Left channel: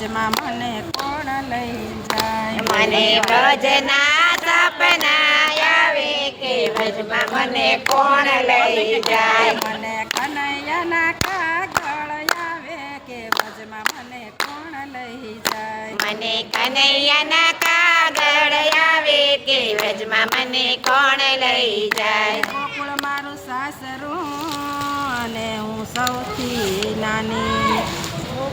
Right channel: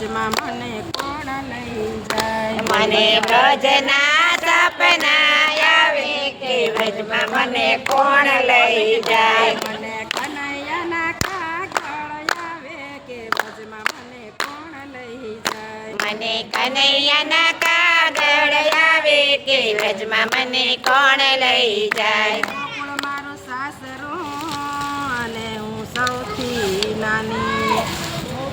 વ્રજમાં મને કોણ લઈ જાય? મને વ્રજના સપના આવે કે વ્રજમાં મને કોણ લઈ જાય? મને કનૈયાના કાગળ આવે કે વ્રજમાં મને કોણ લઈ જાય? મને કનૈયાના કાગળ આવે કે વ્રજમાં મને કોણ લઈ જાય? ગોકુળ મારું સાસરું અને હું સૌથી નાની.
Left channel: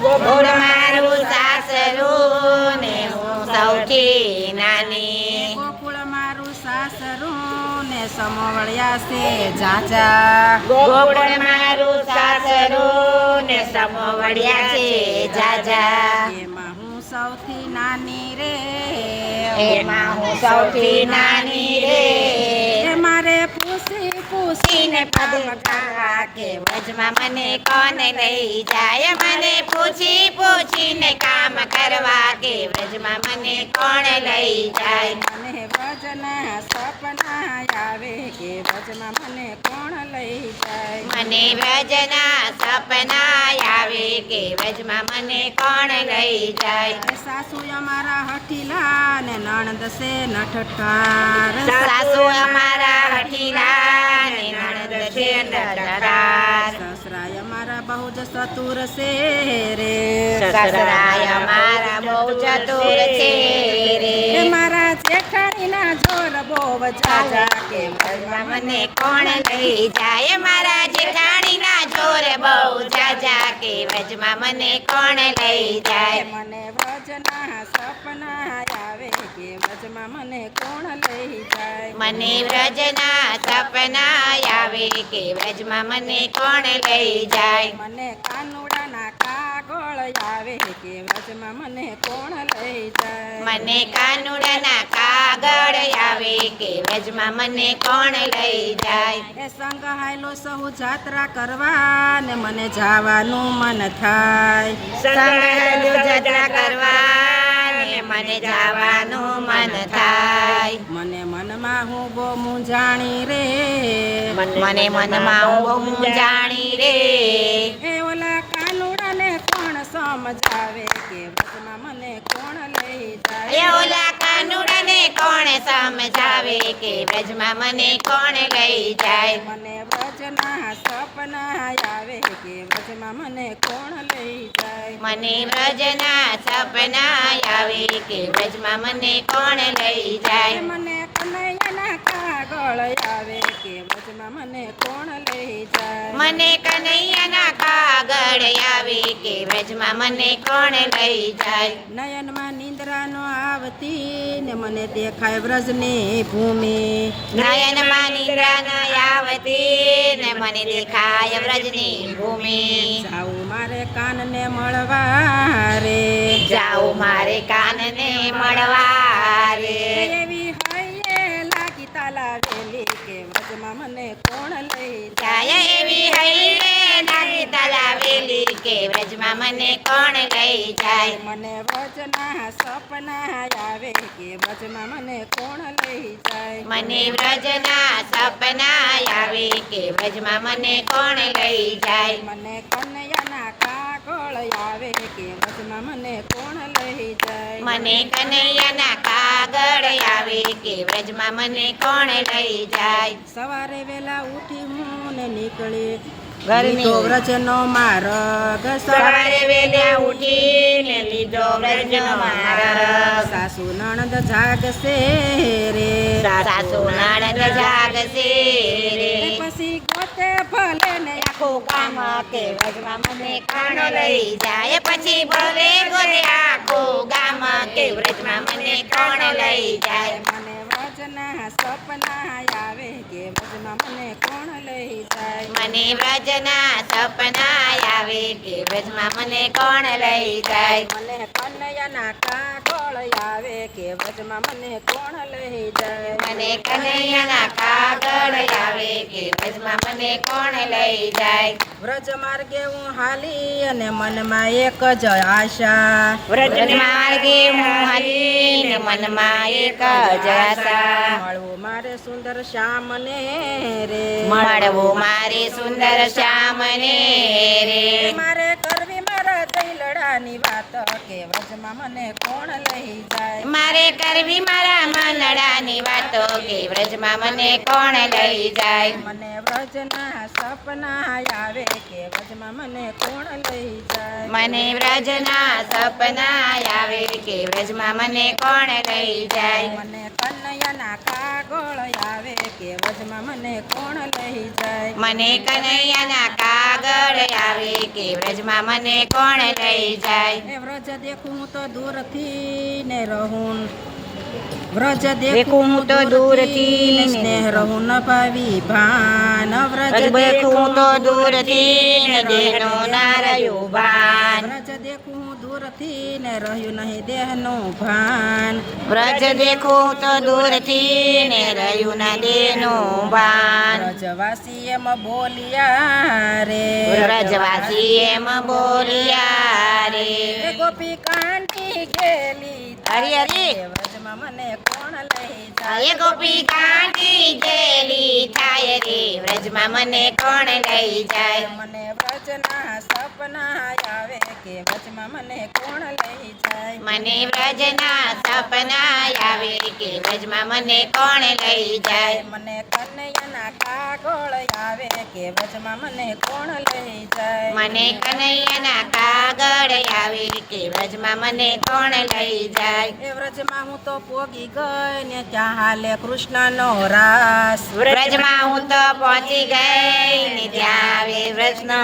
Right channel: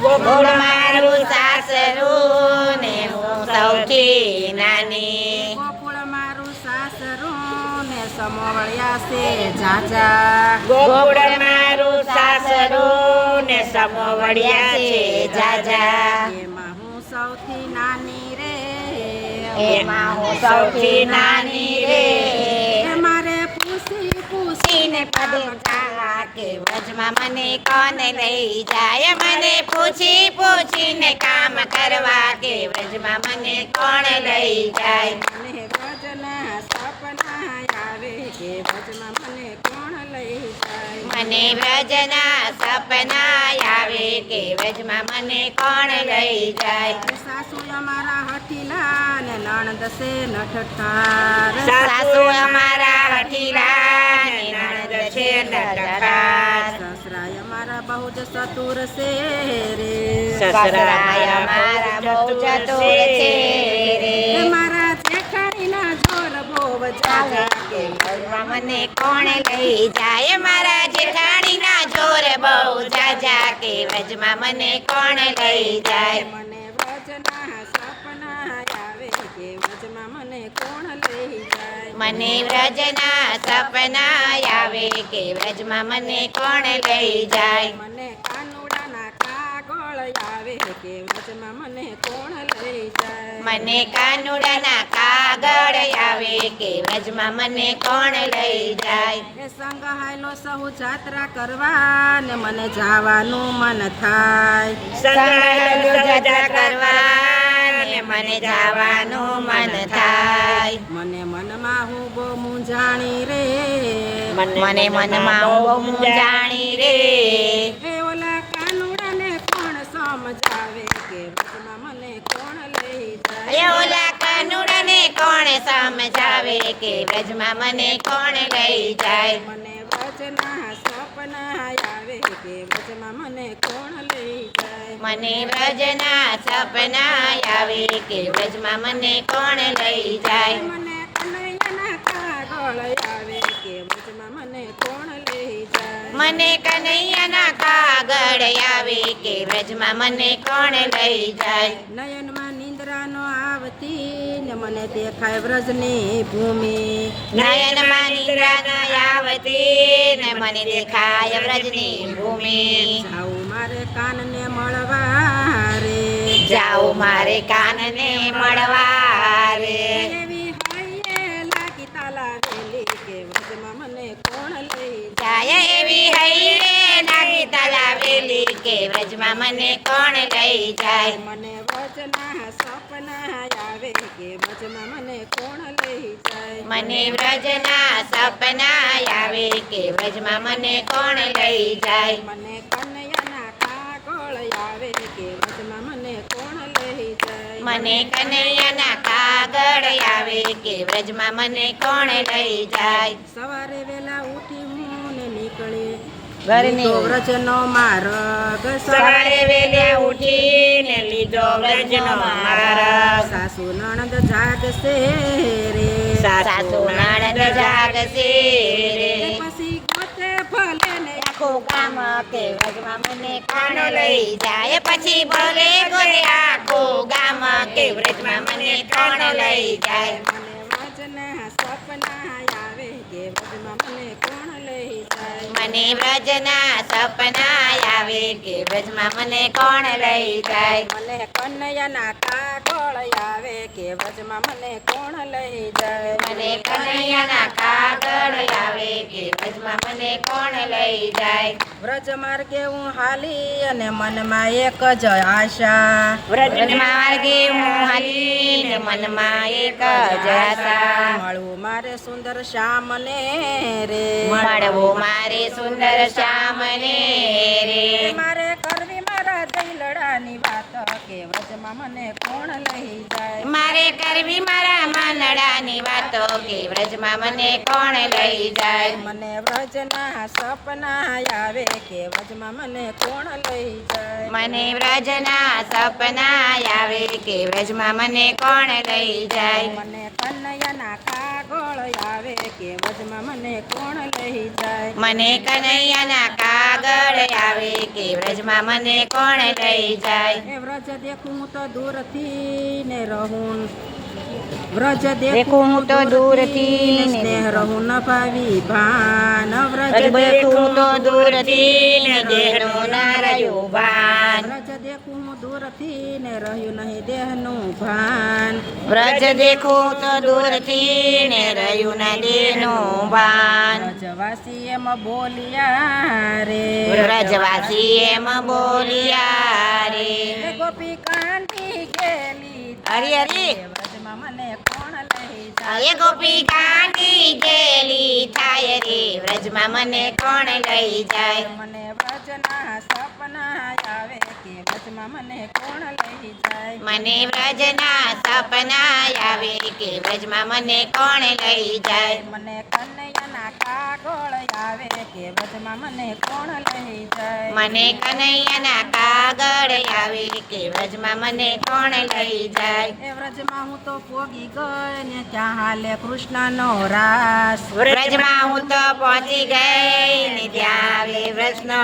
ગોળ મારું સાસરું ને હું સૌથી નાની. ગોકુળ મારું સાસરું ને સમવળ્યા છે જાજા. ગોકુળ મારું સાસરું ને સમવળ્યા છે જાજા. એમાં હું સૌથી નાની રે. એમાં હું સૌથી નાની રે. મારે પૂછી પૂછીને પદકા કે વ્રજમાં મને કોણ લઈ જાય? મને પૂછીને કામ કરવા કે વ્રજમાં મને કોણ લઈ જાય? મને વ્રજના સપના આવે કે વ્રજમાં મને કોણ લઈ જાય? મને વ્રજના સપના આવે કે વ્રજમાં મને કોણ લઈ જાય? સાસુ અમારા હઠીલા ને નણંદ છે નઠઠાર. સાસુ અમારા હઠીલા ને નણંદ છે નઠઠાર. સસરાય અમારા બહુ જ ચતુર છે રે. સસરાય અમારા બહુ ચતુર છે રે. મારા જેઠાણીના જોર બહુ જાજા કે વ્રજમાં મને કોણ લઈ જાય? મારા જેઠાણીના જોર બહુ જાજા કે વ્રજમાં મને કોણ લઈ જાય? મને વ્રજના સપના આવે કે વ્રજમાં મને કોણ લઈ જાય? મને વ્રજના સપના આવે કે વ્રજમાં મને કોણ લઈ જાય? મને કાનુડાના કાગળ આવે કે વ્રજમાં મને કોણ લઈ જાય? મને કાનુડાના કાગળ આવે કે વ્રજમાં મને કોણ લઈ જાય? એ સંગ હાયલો સહુ જાત્રા કરવા ને મને જવાનું મન થાય. સંગડલો જાત્રા કરવા ને મને જવાનું મન થાય. મને મનમાં હું બહુ મૂંઝાણી રે. મને મનમાં હું બહુ મૂંઝાણી રે. એ ઓલા કાનુડાને કોણ સમજાવે કે વ્રજમાં મને કોણ લઈ જાય? એ ઓલા કાનુડાને કોણ સમજાવે કે વ્રજમાં મને કોણ લઈ જાય? મને વ્રજના સપના આવે કે વ્રજમાં મને કોણ લઈ જાય? મને વ્રજના સપના આવે કે વ્રજમાં મને કોણ લઈ જાય? મને કનૈયાના કાગળ આવે કે વ્રજમાં મને કોણ લઈ જાય? મને કનૈયાના કાગળ આવે કે વ્રજમાં મને કોણ લઈ જાય? નયનમાં નિંદ્રા નો આવતી ને મને દેખાય વ્રજની ભૂમિ. નયનમાં નિંદ્રા ન આવતી ને મને દેખાય વ્રજની ભૂમિ. જાઉં મારે કાનને મળવા રે. જાઉં મારે કાનને મળવા રે. એવી હૈયે લાગી તાલાવેલી કે વ્રજમાં મને કોણ લઈ જાય એવી હૈરે લાગી તલાવેલી કે વ્રજમાં મને કોણ લઈ જાય? મને વ્રજના સપના આવે કે વ્રજમાં મને કોણ લઈ જાય? મને વ્રજના સપના આવે કે વ્રજમાં મને કોણ લઈ જાય? મને કનૈયાના કાગળ આવે કે વ્રજમાં મને કોણ લઈ જાય? મને કનૈયાના કાગળ આવે કે વ્રજમાં મને કોણ લઈ જાય? સવારે વેલા ઉઠી હું ને નીકળી ઘરની. લીધો વ્રજનો માર્ગ. સવારે વહેલા ઉઠીને લીધો વ્રજનો માર્ગ. સાસુ નણંદ જાગશે રે. સાસુ નણંદ જાગશે રે. પછી ગોતે ભલે ને આખું ગામ કે વ્રજમાં મને કોણ લઈ જાય? પછી ભલે ગોલે આખું ગામ કે વ્રજમાં મને કોણ લઈ જાય? મને વ્રજના સપના આવે કે વ્રજમાં મને કોણ લઈ જાય? મને વ્રજના સપના આવે કે વ્રજમાં મને કોણ લઈ જાય? મને કનૈયાના કાગળ આવે કે વ્રજમાં મને કોણ લઈ જાય? મને કનૈયાના કાગળ આવે કે વ્રજમાં મને કોણ લઈ જાય? વ્રજ માર્ગે હું હાલી અને મનમાં એક જ આશા. વ્રજ માર્ગે હું હાલીને મનમાં એક જ આશા. મળવું મારે સુંદર શ્યામને રે. મળવું મારે સુંદર શ્યામને રે. મારે કરવી મારા દિલડાની વાત કે વ્રજમાં મને કોણ લઈ જાય મારે કરવી મારા માનડાની વાતો કે વ્રજમાં મને કોણ લઈ જાય મને વ્રજના સપના આવે કે વ્રજમાં મને કોણ લઈ જાય મને વ્રજના સપના આવે કે વ્રજમાં મને કોણ લઈ જાય મને કનૈયાના કાગળ આવે કે વ્રજમાં મને કોણ લઈ જાય મને કનૈયાના કાગળ આવે કે વ્રજમાં મને કોણ લઈ જાય એ વ્રજ દેખું તો દૂરથી ને રહું વ્રજ દેખું હું તો દૂરથી ને ને સ્નેહ રહું ન ભાવી ભાન વ્રજ વ્રજ દેખું તો દૂરથી ને દેહનું ના રહ્યું ભાન વ્રજ દેખું દૂરથી ને રહ્યું નહીં દેહનું ભાન વ્રજ દેખું તો દૂરથી ને રહ્યું ના દેહનું ભાન વ્રજવાસી એમ બોલિયા રે વ્રજવાસી એમ બોલિયા રે એ ગોપી કાંઠી ગેલી હરી હરી વ્રજમાં મને કોણ લઈ જાય અરે ગોપી કાંઠી ગેલી થાય રે વ્રજમાં મને કોણ લઈ જાય મને વ્રજના સપના આવે કે વ્રજમાં મને કોણ લઈ જાય મને વ્રજના સપના આવે કે વ્રજમાં મને કોણ લઈ જાય મને કનૈયાના કાગળ આવે કે વ્રજમાં મને કોણ લઈ જાય મને કનૈયાના કાગળ આવે કે વ્રજમાં મને કોણ લઈ જાય એ વ્રજમાં હું તો પોગી ગઈ ને ત્યાં હાલે કૃષ્ણનો રાસ વ્રજમાં હું તો પહોંચી ગઈ ને ત્યાં આવે વ્રજનો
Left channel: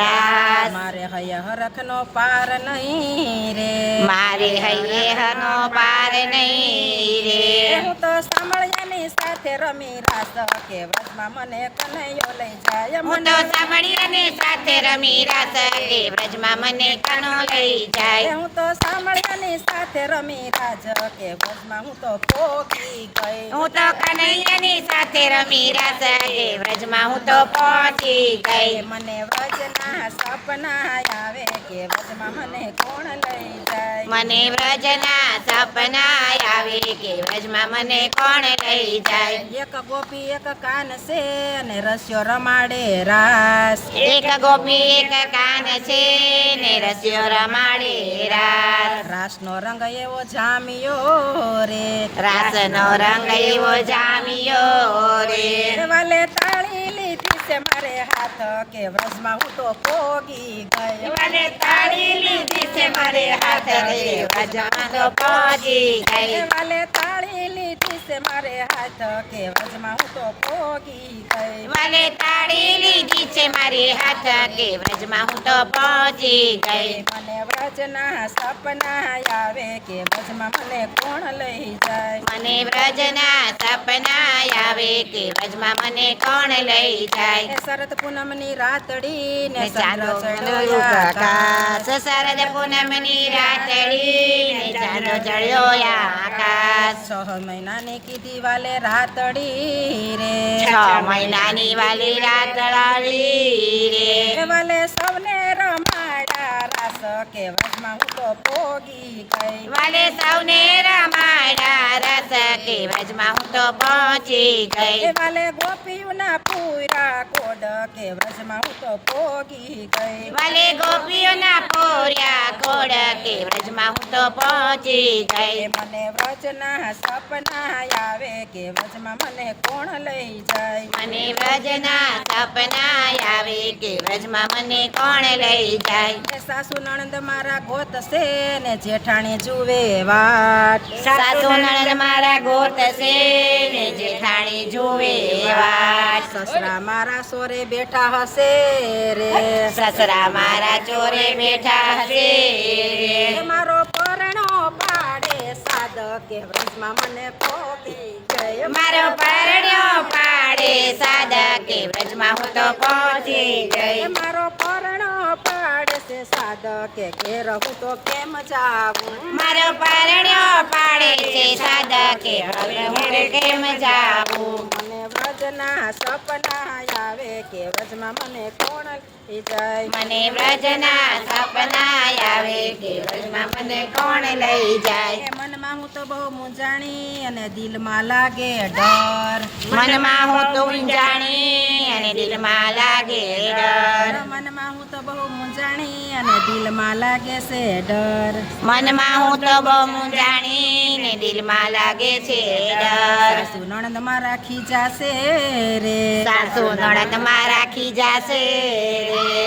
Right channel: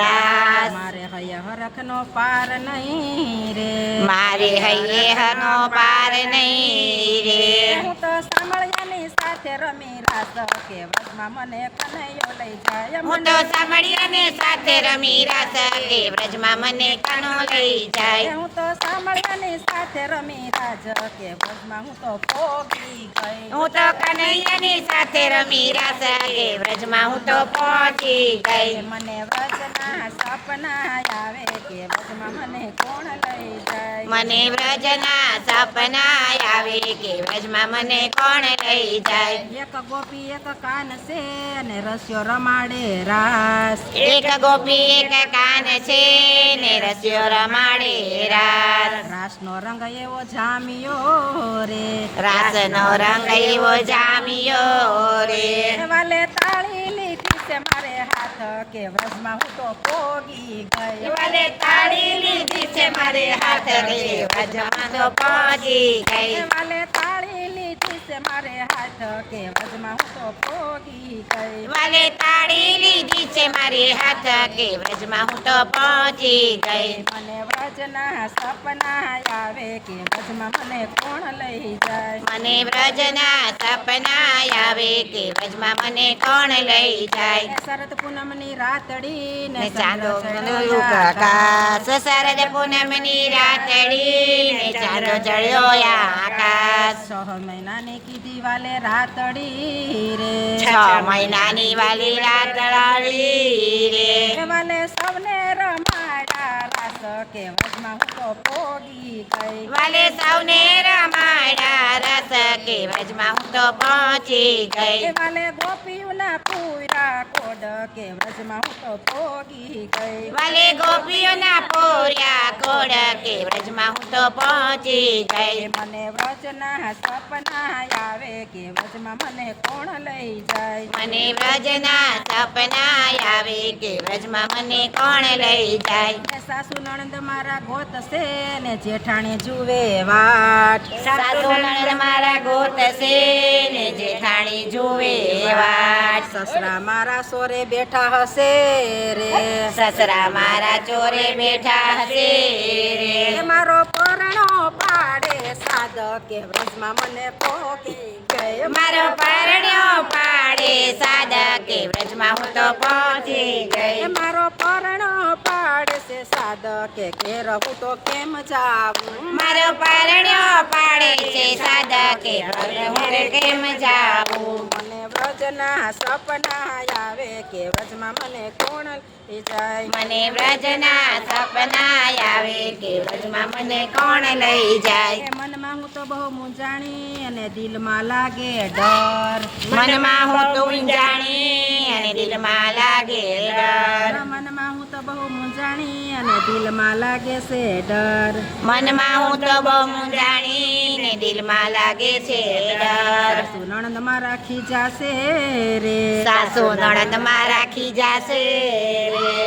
રાસ મારે હૈયા હરખનો પાર નહીં રે મારે હૈયે હનો પાર નહીં રે હું તો સાંભળ્યાની સાથે રમી રાસ કે વ્રજમાં મને કનૈયો લઈ જાય હું તો સાંભળીને સાથે રમી રાસ કે વ્રજમાં મને કનો લઈ જાય હું તો સાંભળ્યાની સાથે રમી રાજ કે વ્રજમાં હું તો પોગી ગઈ હું તો કનૈયાની સાથે રમી રાસ કે વ્રજમાં હું તો પહોંચી ગઈ મને વ્રજના સપના આવે કે વ્રજમાં મને કોણ લઈ જાય મને વ્રજના સપના આવે કે વ્રજમાં મને કોણ લઈ જાય એક ગોપી એક કાન છે અને રસ્યો રમાડે રાસ એક ગોપી એક કાન છે ને રસ્યો રમાડે રાસ રાસનો રંગ એવો જામ્યો રે રાસનો રંગ એવો જામ્યો રે વાલે તાળી લીધી છે મારે હાથ કે વ્રજમાં હું તો પોગી ગઈ વાલે તાળી લીધી છે મારે હાથ કે વ્રજમાં તો પહોંચી ગઈ વાલે તાળી લીધી છે મારે હાથ કે વ્રજમાં હું તો પોગી ગઈ વાલે તાળી લીધી છે મારી હાથ કે વ્રજમાં હું તો પહોંચી ગઈ મને વ્રજના સપના આવે કે વ્રજમાં મને કોણ લઈ જાય મને વ્રજના સપના આવે કે વ્રજમાં મને કોણ લઈ જાય એ શરદ પૂનમની રાતડી ને ચાંદો ચડ્યો આકાશ શરદ પૂનમની રાતડી ને ચાંદો ચડ્યો આકાશ 6 મહિનાની કીધી વાલે રાતડી રે 6 મહિનાની વાલી રાતડી રે એ વાલે સૌને રમાડા રાસ કે વ્રજમાં હું તો પોગી ગઈ વાલે સૌને રમાડ્યા રસ કે વ્રજમાં હું તો પહોંચી ગઈ એ વાલે ગોપીઓના પૂરા કોડ કે વ્રજમાં હું તો પોગી ગઈ વાલે ગોપીઓના પોર્યા કોડ કે વ્રજમાં હું તો પહોંચી ગઈ મને વ્રજના સપના આવે કે વ્રજમાં મને કોણ લઈ જાય મને વ્રજના સપના આવે કે વ્રજમાં મને કોણ લઈ જાય એ સાસુ નણંદ મારા ગોત છે ને જેઠાણી જુએ વાટ સાસુ નણંદ મારા ગોત છે ને જેઠાણી જુએ વાટ સસરા મારા સોરે બેઠા હશે રે સસરા મારા ચોરે બેઠા હશે રે એ મારો પરણો પાડે સાદ કે વ્રજમાં મને પોગી ગઈ મારો પરણ્યો પાડે સાદા કે વ્રજમાં હું તો પહોંચી ગઈ મારો પરણો પાડે છે સાદ કે ઘેર હું તો કેમ જાવું મારો પરણ્યો પાડે છે સાદા કે વ્રજ હું કેમ જાવું મને વ્રજના સપના આવે કે વ્રજમાં મને કોણ લઈ જાય મને વ્રજના સપના આવે કે વ્રજમાં મને કોણ લઈ જાય એ મનમાં હું તો બહુ મૂંઝાણી અને દિલમાં લાગે ડર મનમાં હું તો જાણી અને દિલમાં લાગે ડર મનમાં હું તો બહુ મૂંઝાણી અને દિલમાં લાગે છે ડર. મનમાં હું તો બહુ મૂંઝાણી ને દિલમાં લાગે છે ડર. સાસુ નણંદ મારા ખીજાશે રે. સાસુ નણંદ મારા ખીજાશે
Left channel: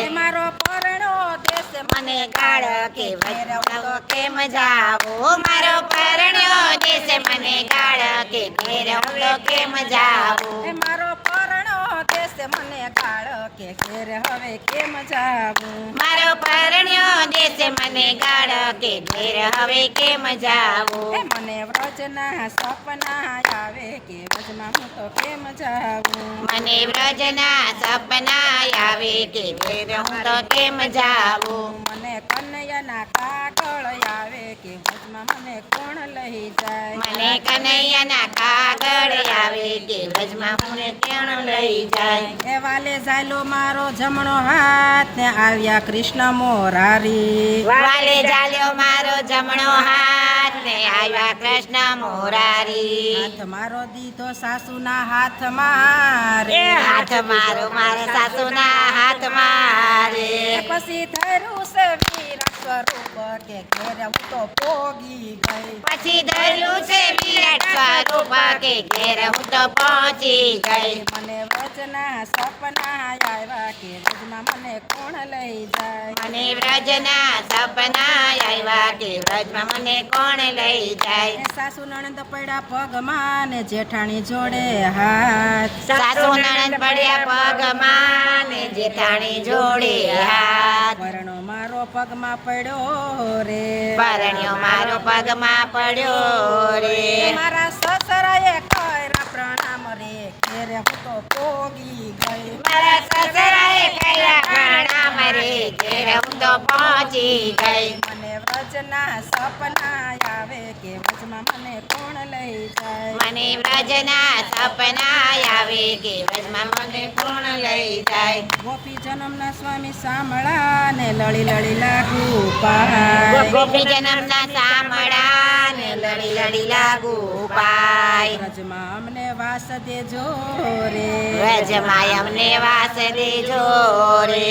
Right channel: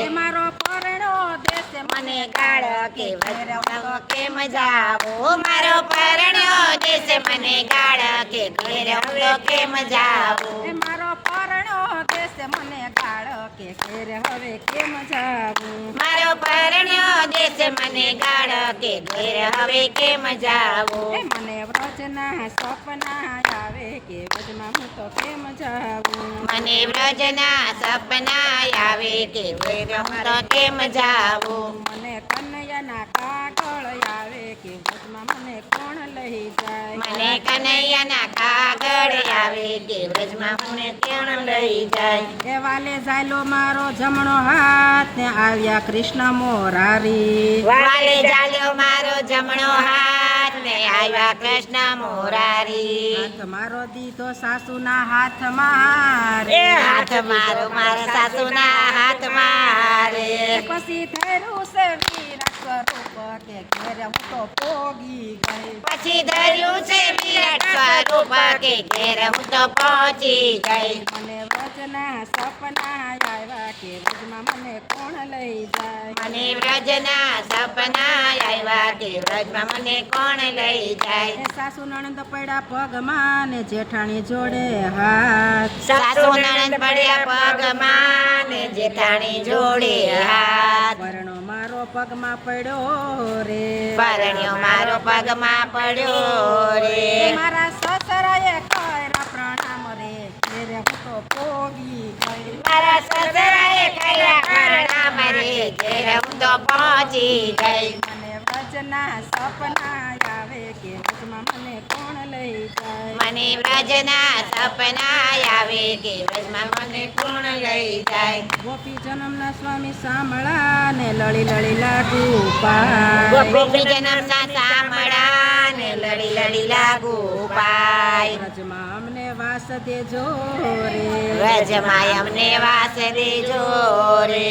એ મારો પરણો દેશે મને ગાળ કે વજમાં કેમ જાવું. મારો પરણ્યો દેશે મને ગાળ કે ઘેર હું તો કેમ જાવું. એ મારો પરણો દેશે મને ગાળ કે ઘેર હવે કેમ જાવું. મારો પરણ્યો દેશે મને ગાળ કે ઘેર હવે કેમ જાવું. એ મને વ્રજના સપના આવે કે વજમાં હું તો કેમ જાવું. મને વ્રજના સપના આવે કે ઘેર હું તો કેમ જાવું. મને કનૈયાના કાગળ આવે કે વજમાં મને કોણ લઈ જાય. મને કનૈયાના કાગળ આવે કે વ્રજમાં મને કેમ લઈ જાય. એ વાલે જાયલો મારો જમણો હાથ ને આવ્યા કૃષ્ણ મોરારી. વાલે ચાલ્યો મારો જમણો હાથ ને આવ્યા કૃષ્ણ મોરારી. હાથ મારો દીધો સાસુના હાથ મારે. એ હાથ મારો મારા સાસુના હાથ મારે. પછી ધર્યું છે વિરાટ સ્વરૂપ કે ઘેર હું તો પોગી ગઈ. પછી ધર્યું છે વિરાટ સ્વરૂપ કે ઘેર હું તો પહોંચી ગઈ. મને વચના સપના આવ્યા કે વચમાં મને કોણ લઈ જાય. મને વ્રજના સપના આવ્યા કે વ્રજમાં મને કોણ લઈ જાય. એ સાસુ નણંદ પડ્યા પગમાં ને જેઠાણી જોડે હાથ. સાસુ નણંદ પડ્યા પગમાં ને જેઠાણી જોડે હાથ. પરણો મારો પગમાં પડ્યો રે. પરણ્યો મારો પગમાં પડ્યો રે. મારા સસરાએ કર્યા પ્રણામ રે ઘેરે હું તો પોગી ગઈ. મારા સસરાએ કર્યા પ્રણામ રે ઘેર હું તો પહોંચી ગઈ. મને વ્રજના સપના આવે કે વચમાં મને કોણ લઈ જાય. મને વ્રજના સપના આવે કે વ્રજમાં મને કોણ લઈ જાય. ગોપી જન્મના સ્વામી સાંભળા ને લળી લળી લાગુ પાય. ગોપી જન્મના સામળા ને લડી લડી લાગુ પાય. વ્રજમાં અમને વાસ દેજો રે. વ્રજમાં અમને વાસ દેજો રે.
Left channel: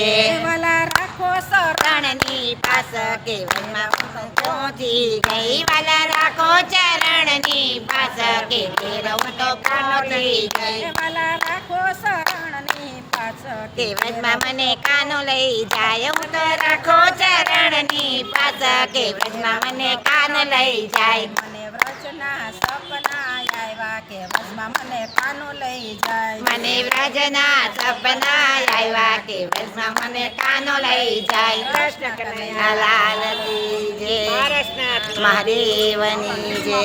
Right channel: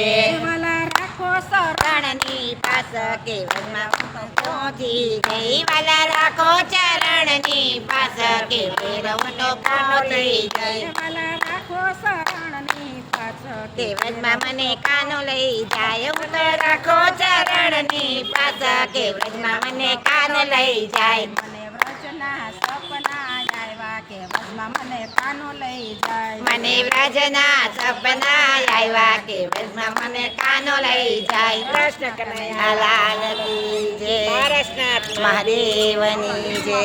વાલા રાખો શરણ ચરણની પાસ કે વ્રજમાં પહોંચી ગઈ. વાલા રાખો ચરણની પાસ કે ઘેર હું તો પહોંચી ગઈ. વાલા રાખો શરણની પાછ કે વ્રજમાં મને કાનો લઈ જાય. હું તો રાખો ચરણની પાસ કે વ્રજમાં મને કાન લઈ જાય. મને વ્રજના સપના આવ્યા કે વચમાં મને કાનો લઈ જાય. મને વ્રજના સપના આવ્યા કે વ્રજમાં મને કાનો લઈ જાય. કૃષ્ણ કનૈયા લાલ કી જય. મહાદેવની જય.